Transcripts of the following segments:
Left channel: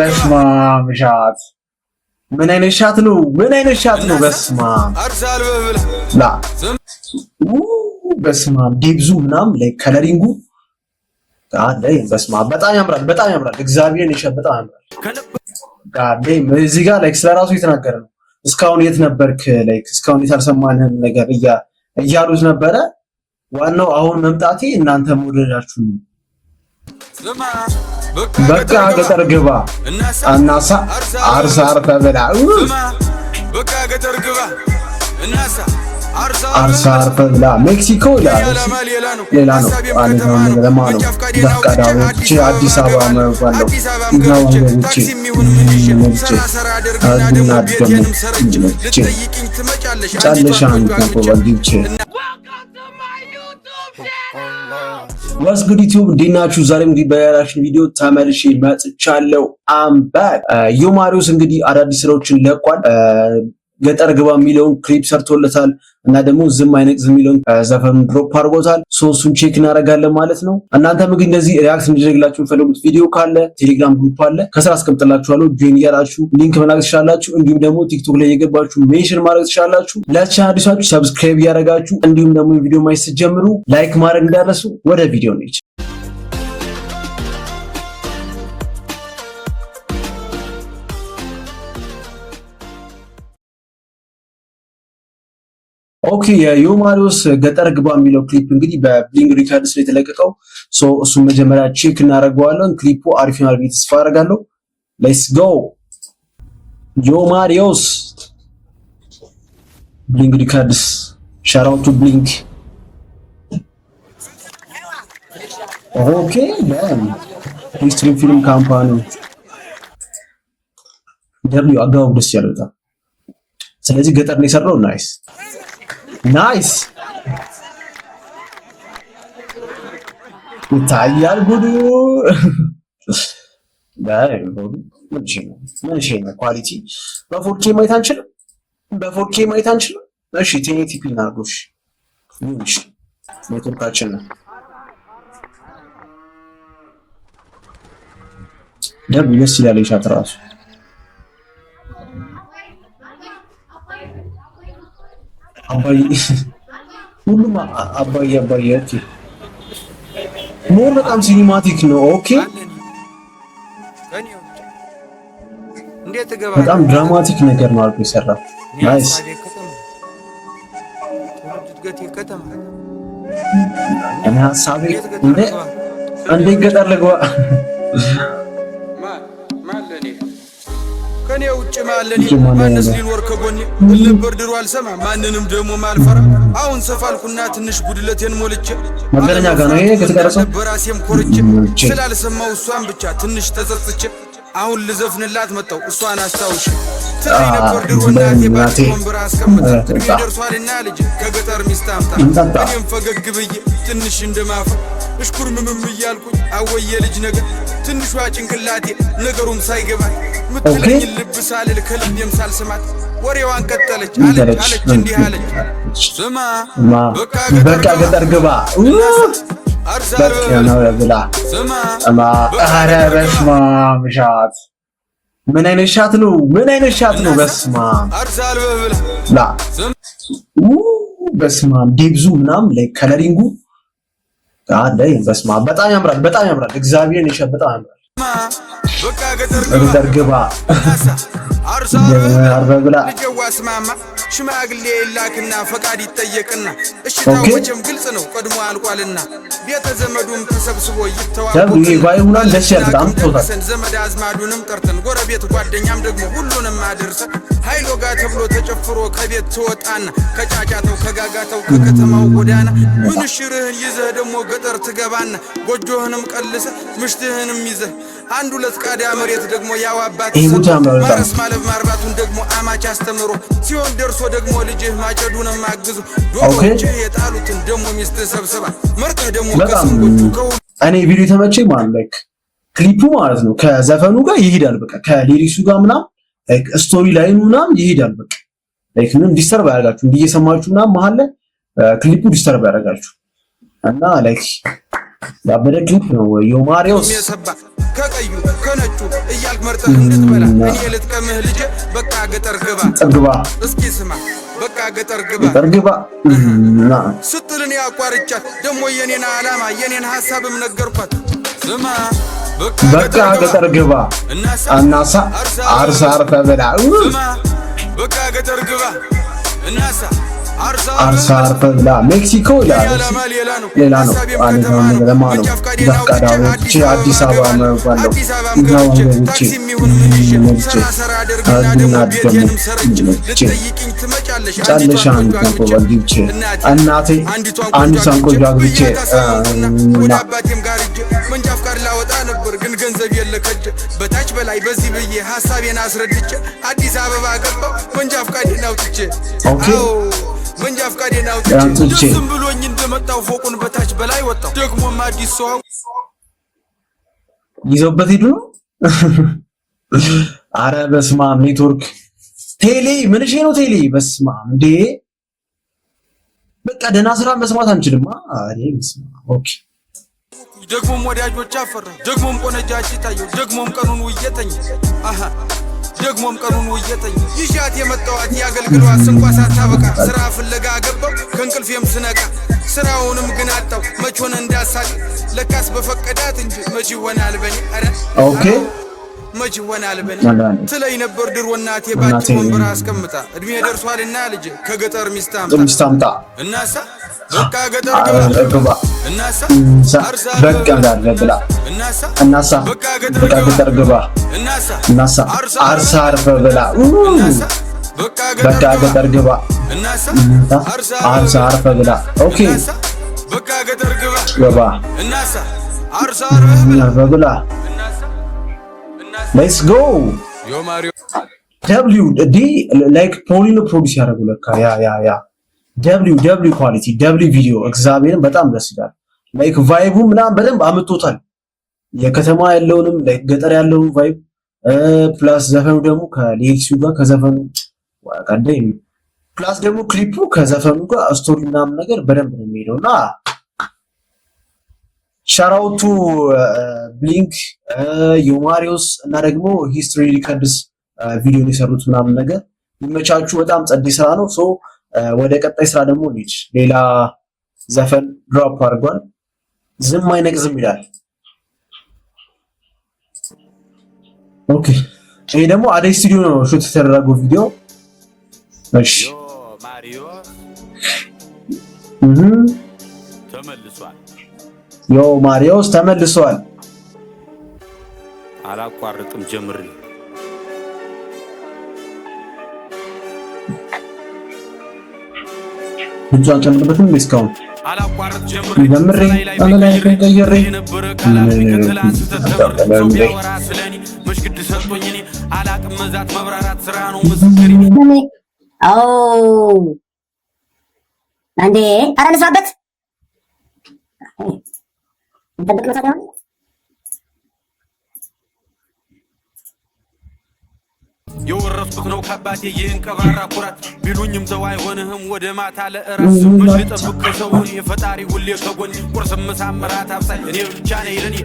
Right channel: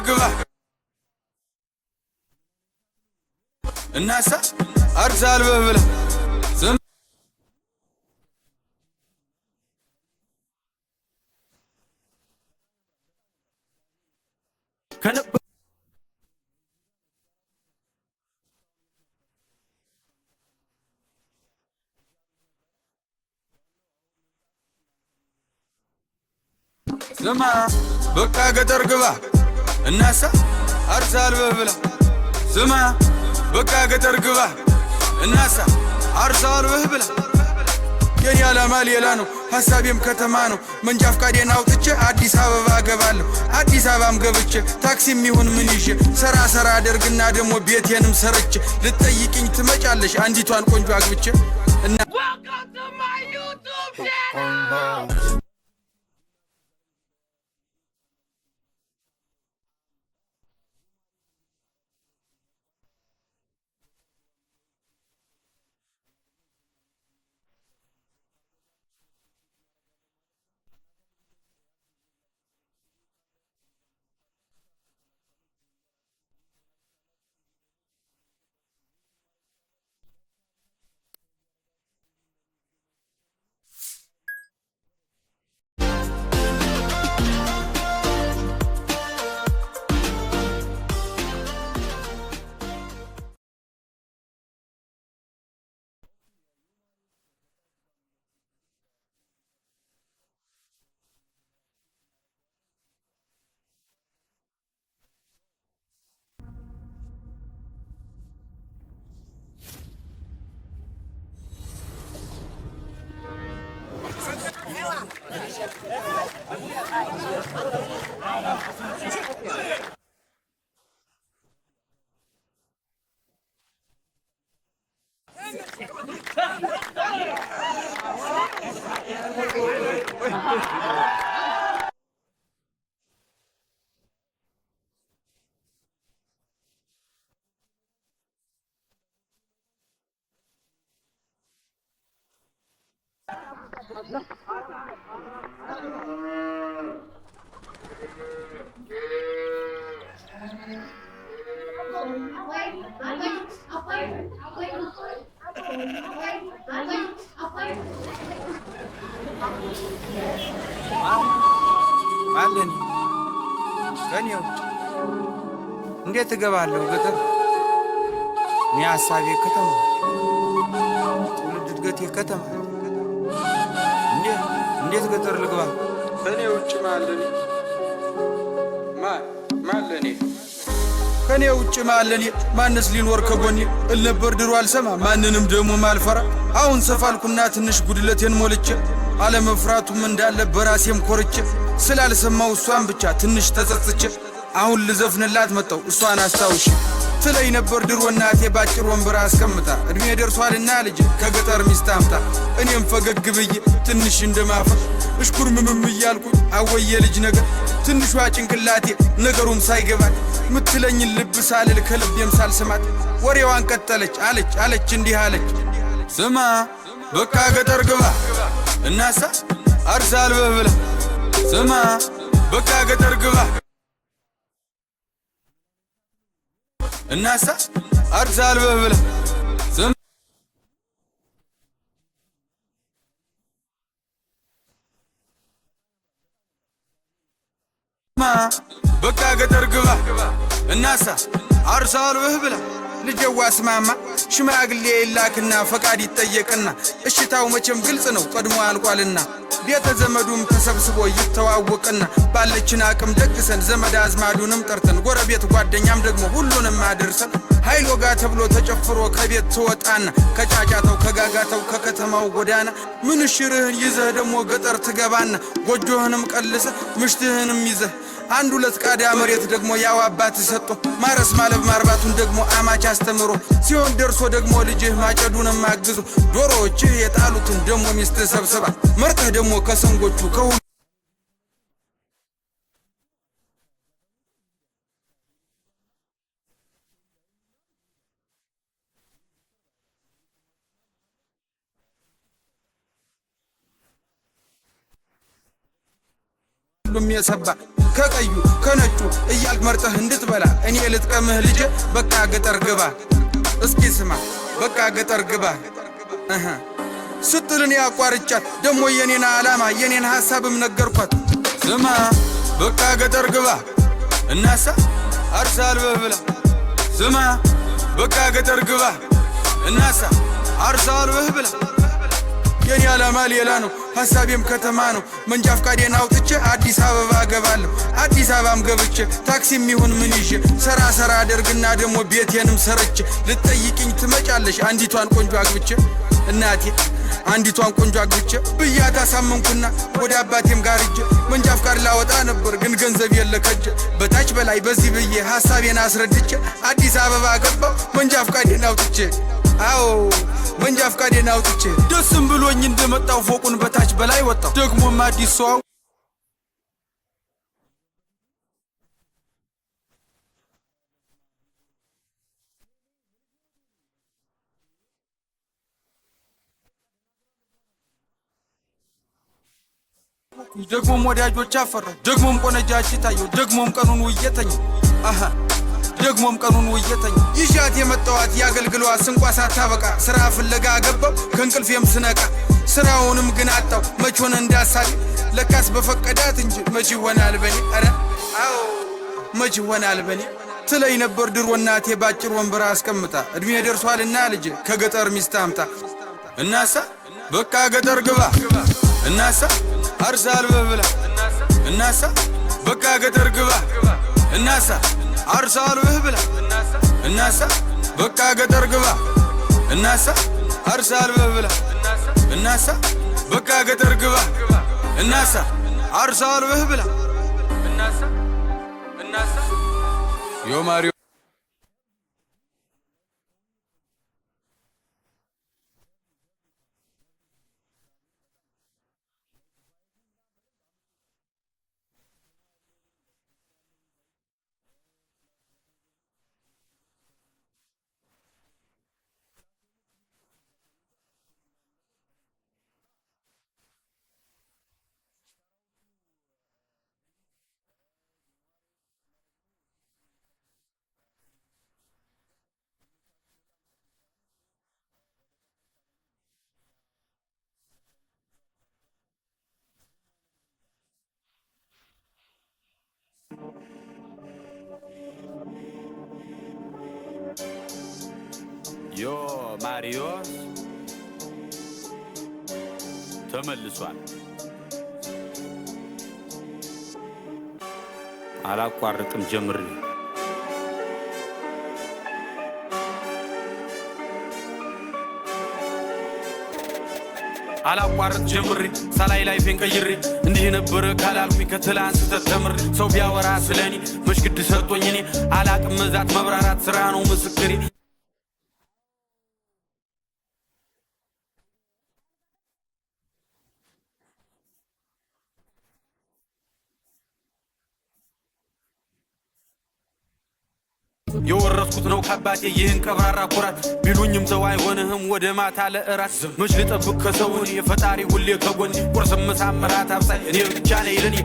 በስመ አብ ሻት ምን አይነት ሻት ነው? ምን አይነት ሻት ነው? በስመ አብ አርሳል በብላ ላ በስመ አብ ዲብዙ ምናምን ላይ ከለሪንጉ አለ። በስመ አብ በጣም ያምራል፣ በጣም ያምራል። እግዚአብሔርን ይሸ በጣም ያምራል። ጋዴ እዚህ ጋር ላይክ ስለራሱ የተናገረ ነው። እስካሁን የት ነበርክ? ላይክ እስካሁን የታልሰማንህም ነገር እያሉት ነበረ። ዋናው አሁን መምጣቴ እናንተ መውደዳችሁ ነው። በቃ ገጠር ግባ እናሳ አርሳር ተበላ በቃ ገጠር ግባ እናሳ አርሳር ተበላ ሜክሲኮ ያላማ ሌላ ነው፣ ሀሳቤም ከተማ ነው። መንጃ ፈቃዴን አውጥቼ አዲስ አበባ ገባለሁ። አዲስ አበባም ገብቼ ታክሲም ይሁን ምን ይዤ ሰራ አደርግና ደግሞ ቤቴንም ሰርቼ ልትጠይቅኝ ትመጫለሽ አንዲቷን ቆንጆ አግብቼ። ዋስ ጉድ ዩቲዩብ እንዴት ናችሁ? ዛሬም እንግዲህ በያላችን ቪዲዮ ተመልሼ መጥቻለሁ። አምባክ ዮማሪዎስ እንግዲህ አዳዲስ ስራዎችን ለቋል። ገጠር ግባ የሚለውን ክሊፕ ሰርቶለታል እና ደግሞ ዝም አይነቅዝም የሚለውን ዘፈኑን ድሮፕ አድርጎታል። እሱን ቼክ እናደርጋለን ማለት ነው። እናንተም እንግዲህ እንደዚህ ሪያክት እንዲደረግላችሁ የምትፈልጉት ቪዲዮ ካለ ቴሌግራም ግሩፕ አለ፣ ከስራ አስቀምጥላችኋለሁ። ጆይን እያላችሁ ሊንክ መላክ ትችላላችሁ። እንዲሁም ደግሞ ቲክቶክ ላይ የገባችሁ ሜንሽን ማድረግ ትችላላችሁ። ለቻናል አዲሳችሁ ሰብስክራይብ እያደረጋችሁ እንዲሁም ደግሞ ቪዲዮ ማየት ስትጀምሩ ላይክ ማድረግ እንዳትረሱ። ወደ ቪዲዮ ነች። ኦኬ የዮማሪዎስ ገጠር ግባ የሚለው ክሊፕ እንግዲህ በብሊንግ ሪከርድስ ላይ የተለቀቀው እሱን መጀመሪያ ቼክ እናደርገዋለን። ክሊፑ አሪፍ ይሆናል ብዬ ተስፋ አደርጋለሁ። ሌትስ ጎ ዮማሪዎስ ብሊንግ ሪከርድስ ሻት አውት ቱ ብሊንግ። ኦኬ ሂስትሪ ፊልም ካምፓኒ ደብሊው አጋው ደስ ያለውታ። ስለዚህ ገጠር ነው የሰራው። ናይስ ይታያል ጉዱ። ምን ኳሊቲ በ4K ማየት አንችልም? በ4K ማየት አንችልም? እሺ 1080p እናድርጎሽ። እሺ ኔትወርካችን ነው ደብ ደስ ይላል። ሻት ራሱ አባይ ሁሉም አባይ ኦኬ ሞር በጣም ሲኒማቲክ ነው። ኦኬ እንዴት ገባህ? በጣም ድራማቲክ ነገር ነው አልኩ ይሰራ። ናይስ ከተማ ትውልድ እድገት ከተማ እኔ ሐሳቤ እንዴት ገጠር ልግባ ማለኔ ከኔ ውጭ ማለኔ ማንስ ሊኖር ከጎኔ እልነበር ድሮ አልሰማ ማንንም ደሞ ማልፈራ። አሁን ሰፋልኩና ትንሽ ጉድለቴን ሞልቼ አለመፍራቱ እንዳለ በራሴም ኮርቼ ስላልሰማው እሷን ብቻ ትንሽ ተጸጽቼ አሁን ልዘፍንላት መጣው እሷን አስታውሽ ትለኝ ነበር ድሮ እናቴ ባጭር ወንበር አስቀምጣ እድሜ ደርሷልና ልጅ ከገጠር ሚስት አምጣ። እኔም ፈገግ ብዬ ትንሽ እንደማፈ እሽኩር ምምም እያልኩኝ አወየ ልጅ ነገር ትንሿ ጭንቅላቴ ነገሩም ሳይገባት ምትለኝ ልብ ሳልል ከልቤም ሳልሰማት ወሬዋን ቀጠለች አለች እንዲህ አለች። ስማ በቃ ገጠር ግባ እናሳ አርሳል በብላ ስማ በቃ ገጠር ግባ ሻት ምን አይነት ሻት ነው? ምን አይነት ሻት ነው? በስመ አብ አርሳል በብላ ላ በስመ አብ ዲብዙ ምናምን ላይ ከለሪንጉ አለ። በስመ አብ በጣም ያምራል፣ በጣም ያምራል። እግዚአብሔርን ይሸ በጣም ያምራል። በቃ ገጠር ግባ እናሳ አርሳር በብላ ልጅዋ ስማማ ሽማግሌ ይላክና ፈቃድ ይጠየቅና እሽታው መቼም ግልጽ ነው ቀድሞ አልቋልና ቤተ ዘመዱም ተሰብስቦ ይተዋወቅና ባለችን አቅም ደግሰን ዘመድ አዝማዱንም ጠርተን ጎረቤት ጓደኛም ደግሞ ሁሉንም አድርሰን ኃይል ወጋ ተብሎ ተጨፍሮ ከቤት ትወጣና ከጫጫተው ከጋጋተው ከከተማው ጎዳና ምንሽርህን ይዘህ ደግሞ ገጠር ትገባና ጎጆህንም ቀልሰ ምሽትህንም ይዘህ አንድ ሁለት ቃዳ መሬት ደግሞ ያው አባት ሰጥቶ ማረስ ማለብ ማርባቱን ደግሞ አማች አስተምሮ ሲሆን ደርሶ ደግሞ ልጅህ ማጨዱንም አግዞ ዶሮችህ የጣሉትን ደግሞ ሚስት ሰብስባ መርጠህ ደግሞ ከሰንጎቹ እኔ ቪዲዮ ተመቸኝ ማለት ላይክ ክሊፑ ማለት ነው ከዘፈኑ ጋር ይሄዳል። በቃ ከሊሪክሱ ጋር ምናምን ላይክ ስቶሪ ላይኑ ምናምን ይሄዳል። በቃ ላይክ ምንም ዲስተርብ አያደርጋችሁ እንዲየሰማችሁ ምናምን መሀል ላይ ክሊፑ ዲስተርብ ያደርጋችሁ እና ላይክ ያበደ ክሊፕ ነው ዮማሪዮስ ከቀዩ ከነጩ እያልክ መርጠህ እንድትበላ እኔ ልጥቀምህ ልጄ በቃ ገጠር ግባ እስኪ ስማ በቃ ገጠር ግባ ስትልን ያቋርጫት ደሞ የኔን ዓላማ የኔን ሐሳብም ነገርኳት ስማ በቃ ገጠር ግባ እናሳ አርሳ ተበላ ስማ በቃ ገጠር ግባ እናሳ አርሳ ተበላ ሜክሲኮ ያላማ ሌላ ነው ሐሳቤም ከተማ ነው መንጃ ፈቃዴን አውጥቼ አዲስ አበባ ገባለሁ አዲስ አበባም ገብቼ ታክሲም ይሁን ምን ይዤ ሰራ አደርግና ደሞ ቤቴንም ሰርቼ ልትጠይቅኝ ትመጫለሽ አንዲቷን ቆንጆ አግብቼ እናቴ አንዲቷን ቆንጆ አግብቼ ብያት አሳመንኩና ወደ አባቴም ጋር ሂጄ መንጃ ፈቃድ ላወጣ ነበር ግን ገንዘብ የለከጀ በታች በላይ በዚህ ብዬ ሐሳቤን አስረድቼ አዲስ አበባ ገባው መንጃ ፈቃዴን አውጥቼ አዎ መንጃ ፈቃዴን አውጥቼ ደስም ብሎኝ እንደመጣው ፎቁን በታች በላይ ወጣው ደግሞም አዲስ ሰው ይዘውበት ሄዱ ነው አረ በስማም ኔትወርክ ቴሌ ምንሽ ነው ቴሌ በስማም እንዴ በቃ ደህና ስራ መስማት አንችልም አሬ በስማም ኦኬ ደግሞም ወዳጆች አፈራ ደግሞም ቆነጃጅ ታየው ደግሞም ቀኑን ውየተኝ አሃ ደግሞም ቀኑን ውየተኝ ይሻት የመጣዋት ያገልግሏት ስንቋሳ ታበቃ ስራ ፍለጋ ገባው ከንቅልፌም ስነቃ ስራውንም ግን አጣው መቾን እንዳሳል ለካስ በፈቀዳት እንጂ መች ይሆናል በኔ አረ ኦኬ መች ይሆናል በኔ ትለይ ነበር ድሮ እናቴ ባጭር ወንበር አስቀምጣ እድሜ ደርሷልና ልጅ ከገጠር ሚስት አምጣ እናሳ በቃ ገጠር ግባ እናሳ አርሳ በላ እናሳ በቃ ገጠር ግባ እናሳ አርሳ በላ እናሳ በቃ ገጠር ግባ እናሳ አርሳ በላ ኦኬ እናሳ በቃ ገጠር ግባ እናሳ አርሳ በላ እናሳ ሌትስ ጎ ዮ ማሪዮ ደብሊው ዲ ላይክ ፖሊኖ ፕሮዲዩስ ያደረጉ ለካ ያ ደብሊው ኳሊቲ ደብሊው ቪዲዮ እግዚአብሔርን በጣም ደስ ይላል ላይክ ቫይቡ ምናምን በደንብ አምጥቶታል የከተማ ያለውንም ላይክ ገጠር ያለውን ቫይብ ፕላስ ዘፈኑ ደግሞ ከሌክሲው ጋር ከዘፈኑ ቀደም ፕላስ ደግሞ ክሊፑ ከዘፈኑ ጋር ስቶሪ ምናምን ነገር በደንብ ነው የሚሄደውና ሻራውቱ ብሊንክ ዮማሪዮስ እና ደግሞ ሂስትሪ ሪከርድስ ቪዲዮ የሰሩት ምናምን ነገር ይመቻቹ በጣም ጸዴ ስራ ነው ሶ ወደ ቀጣይ ስራ ደግሞ ልጅ ሌላ ዘፈን ድሮፕ አድርጓል ዝም አይነቅዝም ይላል ኦኬ ይሄ ደግሞ አደይ ስቱዲዮ ነው ሹት የተደረገው ቪዲዮ እሺ ዮ ማሪዮስ ተመልሷል አላቋርጥም ጀምሪ እንጃን ጨምርበትም ዲስካውንት አላቋርጥ ጀምሪ ሰላይ ቢቀይር የነበረ ካላም ከተላንስ ተተምር ሰው ቢያወራ ስለኔ መሽግድ ሰጥቶኝ እኔ አላቅም መዛት መብራራት ስራ ነው ምስክሪ አው አንዴ አራንሳበት እንጠብቅ ነው ታዲያ የወረስኩት ነው ከአባቴ ይህን ቀባራ ኩራት ቢሉኝም ተው አይሆንህም ወደ ማታ ለእራት መች ልጠብቅ ከሰውን የፈጣሪ ሁሌ ከጎን ቁርስ ምሳም እራት አብሳይ እኔ ብቻ ነኝ ለኔ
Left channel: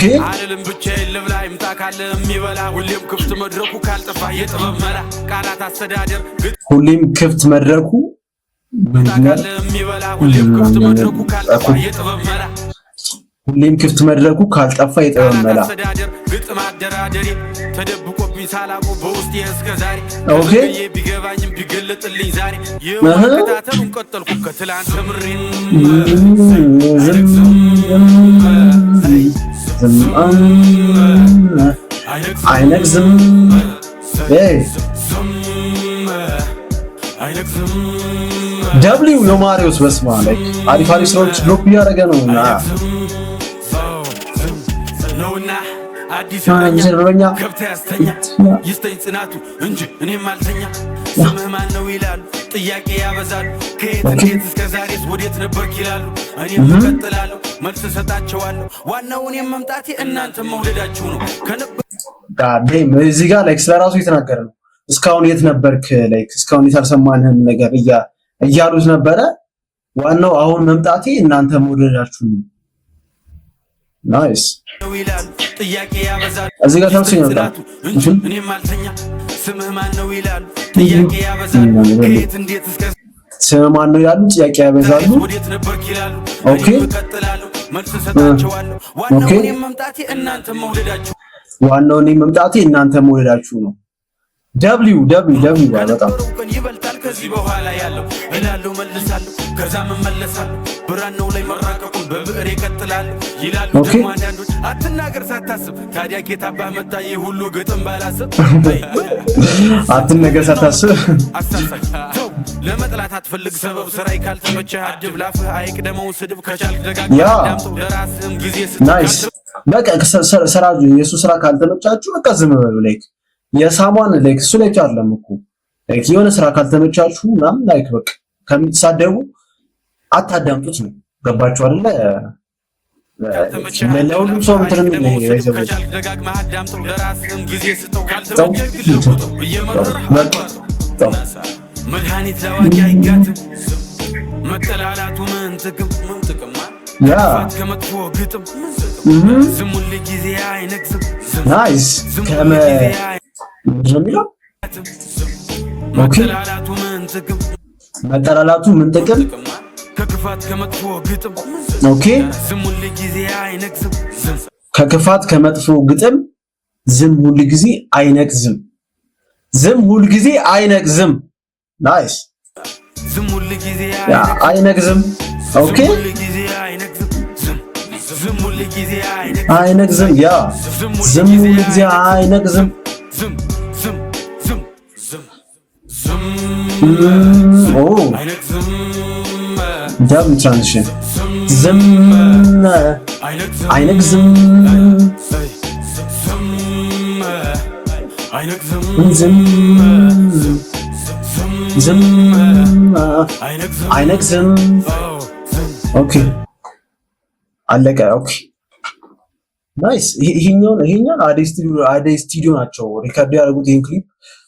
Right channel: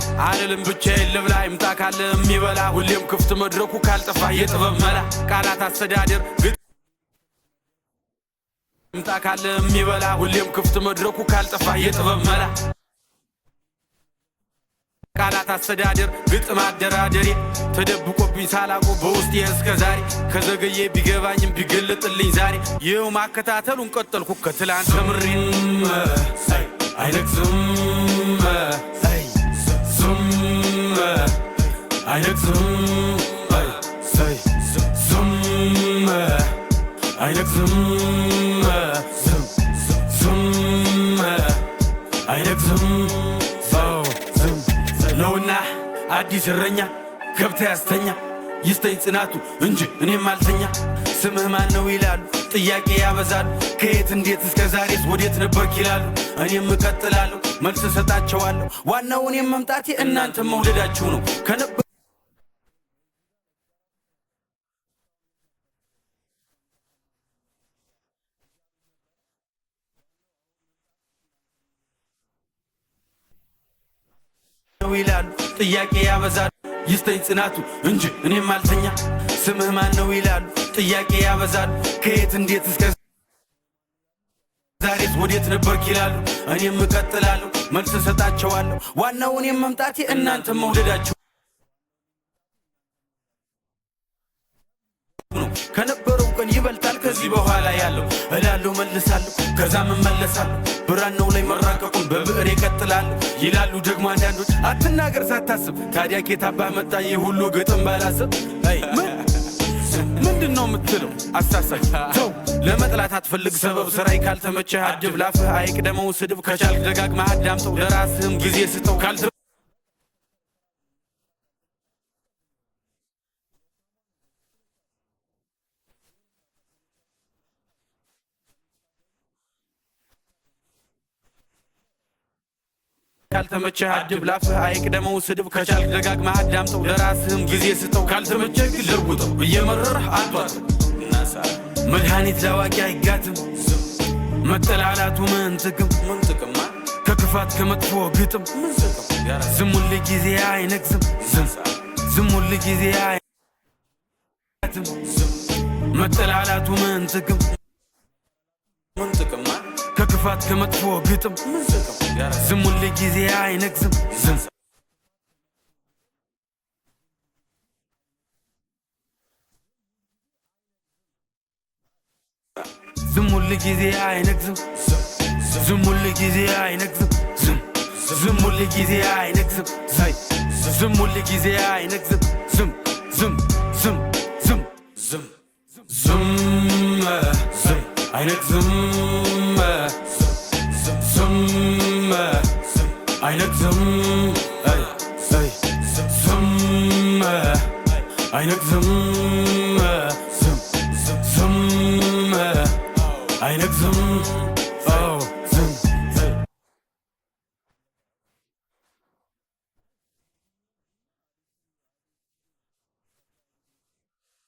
ግን አልልም ብቻዬን ልብላ ይምጣ ካለ የሚበላ ሁሌም ክፍት መድረኩ ካልጠፋ የጥበብ መላ ቃላት አስተዳደር ሁሌም ክፍት መድረኩ ይምጣ ካለ የሚበላ ሁሌም ክፍት መድረኩ ካልጠፋ የጥበብ መላ ሁሌም ክፍት መድረኩ ካልጠፋ የጥበብ መላ ቃላት አስተዳደር ግጥም አደራደሬ ተደብቆብኝ ሳላቆ በውስጤ እስከ ዛሬ ከዘገየ ቢገባኝም ቢገለጥልኝ ዛሬ የማከታተሉን ቀጠልኩ ከትላንት ተምሬ አይነግዝም ደብሊው ዮማሪዮስ በስማ ላይ አሪፍ ስራዎች ድሮፕ እያደረገ ነውና አዲስ እረኛ ከብታ ያስተኛ ይስተኝ ጽናቱ እንጂ እኔም አልተኛ ስምህ ማን ነው ይላሉ ጥያቄ ያበዛሉ ከየት እንዴት እስከ ዛሬስ ወዴት ነበርክ ይላሉ እኔም እቀጥላለሁ መልስ ሰጣቸዋለሁ ዋናው እኔም መምጣቴ እናንተ መውደዳችሁ ነው ጋዴም እዚህ ጋር ላይክ ስለራሱ የተናገረ ነው እስካሁን የት ነበርክ ላይክ እስካሁን የተሰማንህን ነገር እያሉት ነበረ ዋናው አሁን መምጣቴ እናንተ መውደዳችሁ ነው ናይስ ይላሉ ጥያቄ ያበዛሉ እዚህ ጋር ጽናቱ እንጂ እኔም አልተኛ ስምህ ማን ነው ይላሉ ጥያቄ ያበዛሉ ከየት እንዴት እስከ ስምህ ማን ነው ይላሉ ጥያቄ ያበዛሉ ወዴት ነበርክ ይላሉ እኔም እቀጥላለሁ መልስ ሰጣቸዋለሁ ዋናው እኔም መምጣቴ እናንተ መውደዳችሁ ነው www ከነበረው ቀን ይበልጣል ከዚህ በኋላ ያለው እላለሁ መልሳለሁ ከዛም እመለሳለሁ ብራናው ላይ መራቀቁን በብዕር ይቀጥላለሁ ይላሉ ደግሞ አንዳንዶች አትናገር ሳታስብ ታዲያ ጌታባህ መጣ የሁሉ ግጥም ባላስብ አትናገር ሳታስብ አሳሳች ተው ለመጥላት አትፈልግ ሰበብ ስራይ ካልተመቸህ አድብ ላፍህ አይቅደመው ስድብ ከቻልክ ደጋግመህ አዳምጠው ለራስህም ጊዜ ስትካል በቃ ስራ የሱ ስራ ካልተመቻችሁ በቃ ዝም በሉ ላይክ የሳሟን ላይክ እሱ ላይ አይደለም እኮ ላይክ የሆነ ስራ ካልተመቻችሁ ምናምን ላይክ በቃ ከሚሳደቡ አታዳምጡት ነው ገባችሁ አይደለ ካልተመቸህ አይቅደመው ስድብ ከቻልክ ደጋግመህ አዳምጠው ለራስህም ጊዜ ስተው ካልተመቸህ ግልጉጠው እየመረረህ አልቋጠው መድኃኒት ላዋቂ አይጋትም መጠላላቱ ምን ጥቅም ከክፋት ከመጥፎ ግጥም ዝም ሁል ጊዜ አይነግዝም ዝም ሁል ጊዜ መጠላላቱ ምን ጥቅም ከክፋት ከመጥፎ ግጥም ዝም ሁል ጊዜ አይነግዝም ከክፋት ከመጥፎ ግጥም ዝም ሁል ጊዜ አይነግዝም ናይስ ዝም ሁል ጊዜ አይነግዝም ኦኬ ዝም ሁል ጊዜ አይነግዝም ዝም ሁል ጊዜ አይነግዝም ያ ዝም ሁል ጊዜ አይነግዝም ዝም አይነግዝም ዳም ትራንዚሽን ዝም አይነግዝም አይነግዝም ኦኬ አለቀ ኦኬ ናይስ ይሄኛው አዴይ ስቱዲዮ ናቸው ሪከርድ ያደረጉት ይሄን ክሊፕ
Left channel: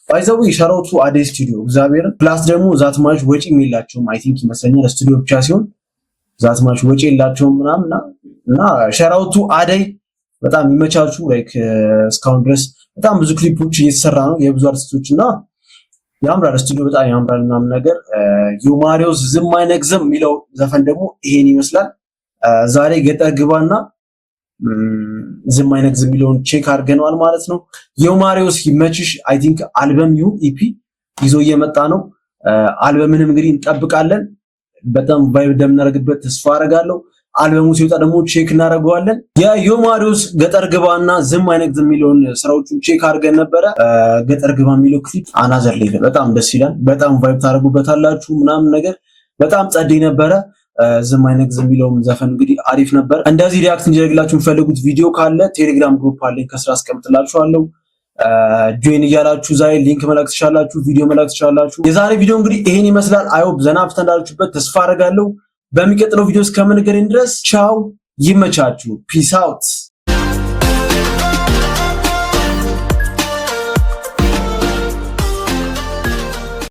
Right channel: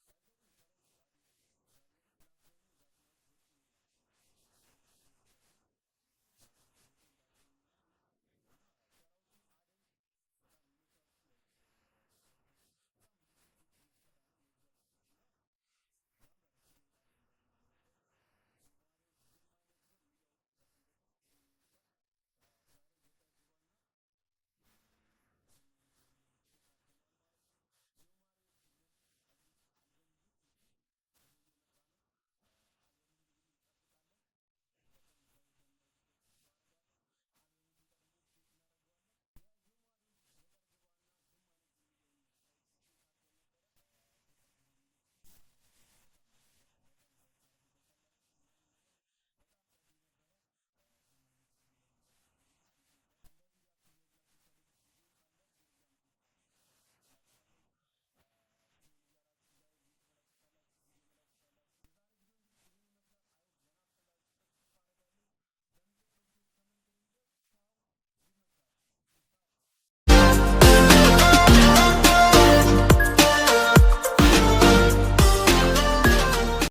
ባይዘው ሻራውቱ አዴይ ስቱዲዮ እግዚአብሔር ፕላስ ደግሞ ዛትማች ወጪ የላቸውም አይ ቲንክ ይመስለኛል ስቱዲዮ ብቻ ሲሆን ዛትማች ወጪ የላቸውም ምናምን እና ሻራውቱ አዴይ በጣም ይመቻቹ ላይክ እስካሁን ድረስ በጣም ብዙ ክሊፖች እየተሰራ ነው የብዙ አርቲስቶች እና ያምራል ስቱዲዮ በጣም ያምራል ምናምን ነገር ዮማሪዮስ ዝም አይነግዝም የሚለው ዘፈን ደግሞ ይሄን ይመስላል ዛሬ ገጠር ግባና ዝም አይነግዝም የሚለውን ቼክ አድርገናል ማለት ነው ዮማሪዮስ ይመችሽ አይ ቲንክ አልበም ይሁን ኢፒ ይዞ እየመጣ ነው አልበምንም እንግዲህ እንጠብቃለን በጣም ቫይብ እንደምናደርግበት ተስፋ አደርጋለሁ አልበሙ ሲወጣ ደግሞ ቼክ እናደርገዋለን የዮማሪዮስ ገጠር ግባና ዝም አይነግዝም የሚለውን ስራዎቹን ቼክ አድርገን ነበረ ገጠር ግባ የሚለው ክሊፕ አናዘር ሌቭል በጣም ደስ ይላል በጣም ቫይብ ታደርጉበታላችሁ ምናምን ነገር በጣም ጸደይ ነበረ ዝም አይነግዝም የሚለውን ዘፈን እንግዲህ አሪፍ ነበር እንደዚህ ሪአክት እንዲያደርግላችሁ የምትፈልጉት ቪዲዮ ካለ ቴሌግራም ግሩፕ አለኝ ከስራ አስቀምጥላችኋለሁ ጆይን እያላችሁ ዛሬ ሊንክ መላክ ትችላላችሁ ቪዲዮ መላክ ትችላላችሁ የዛሬ ቪዲዮ እንግዲህ ይሄን ይመስላል አይሆፕ ዘና ብትንዳላችሁበት ተስፋ አደርጋለሁ በሚቀጥለው ቪዲዮ እስከምንገናኝ ድረስ ቻው ይመቻችሁ ፒስ አውት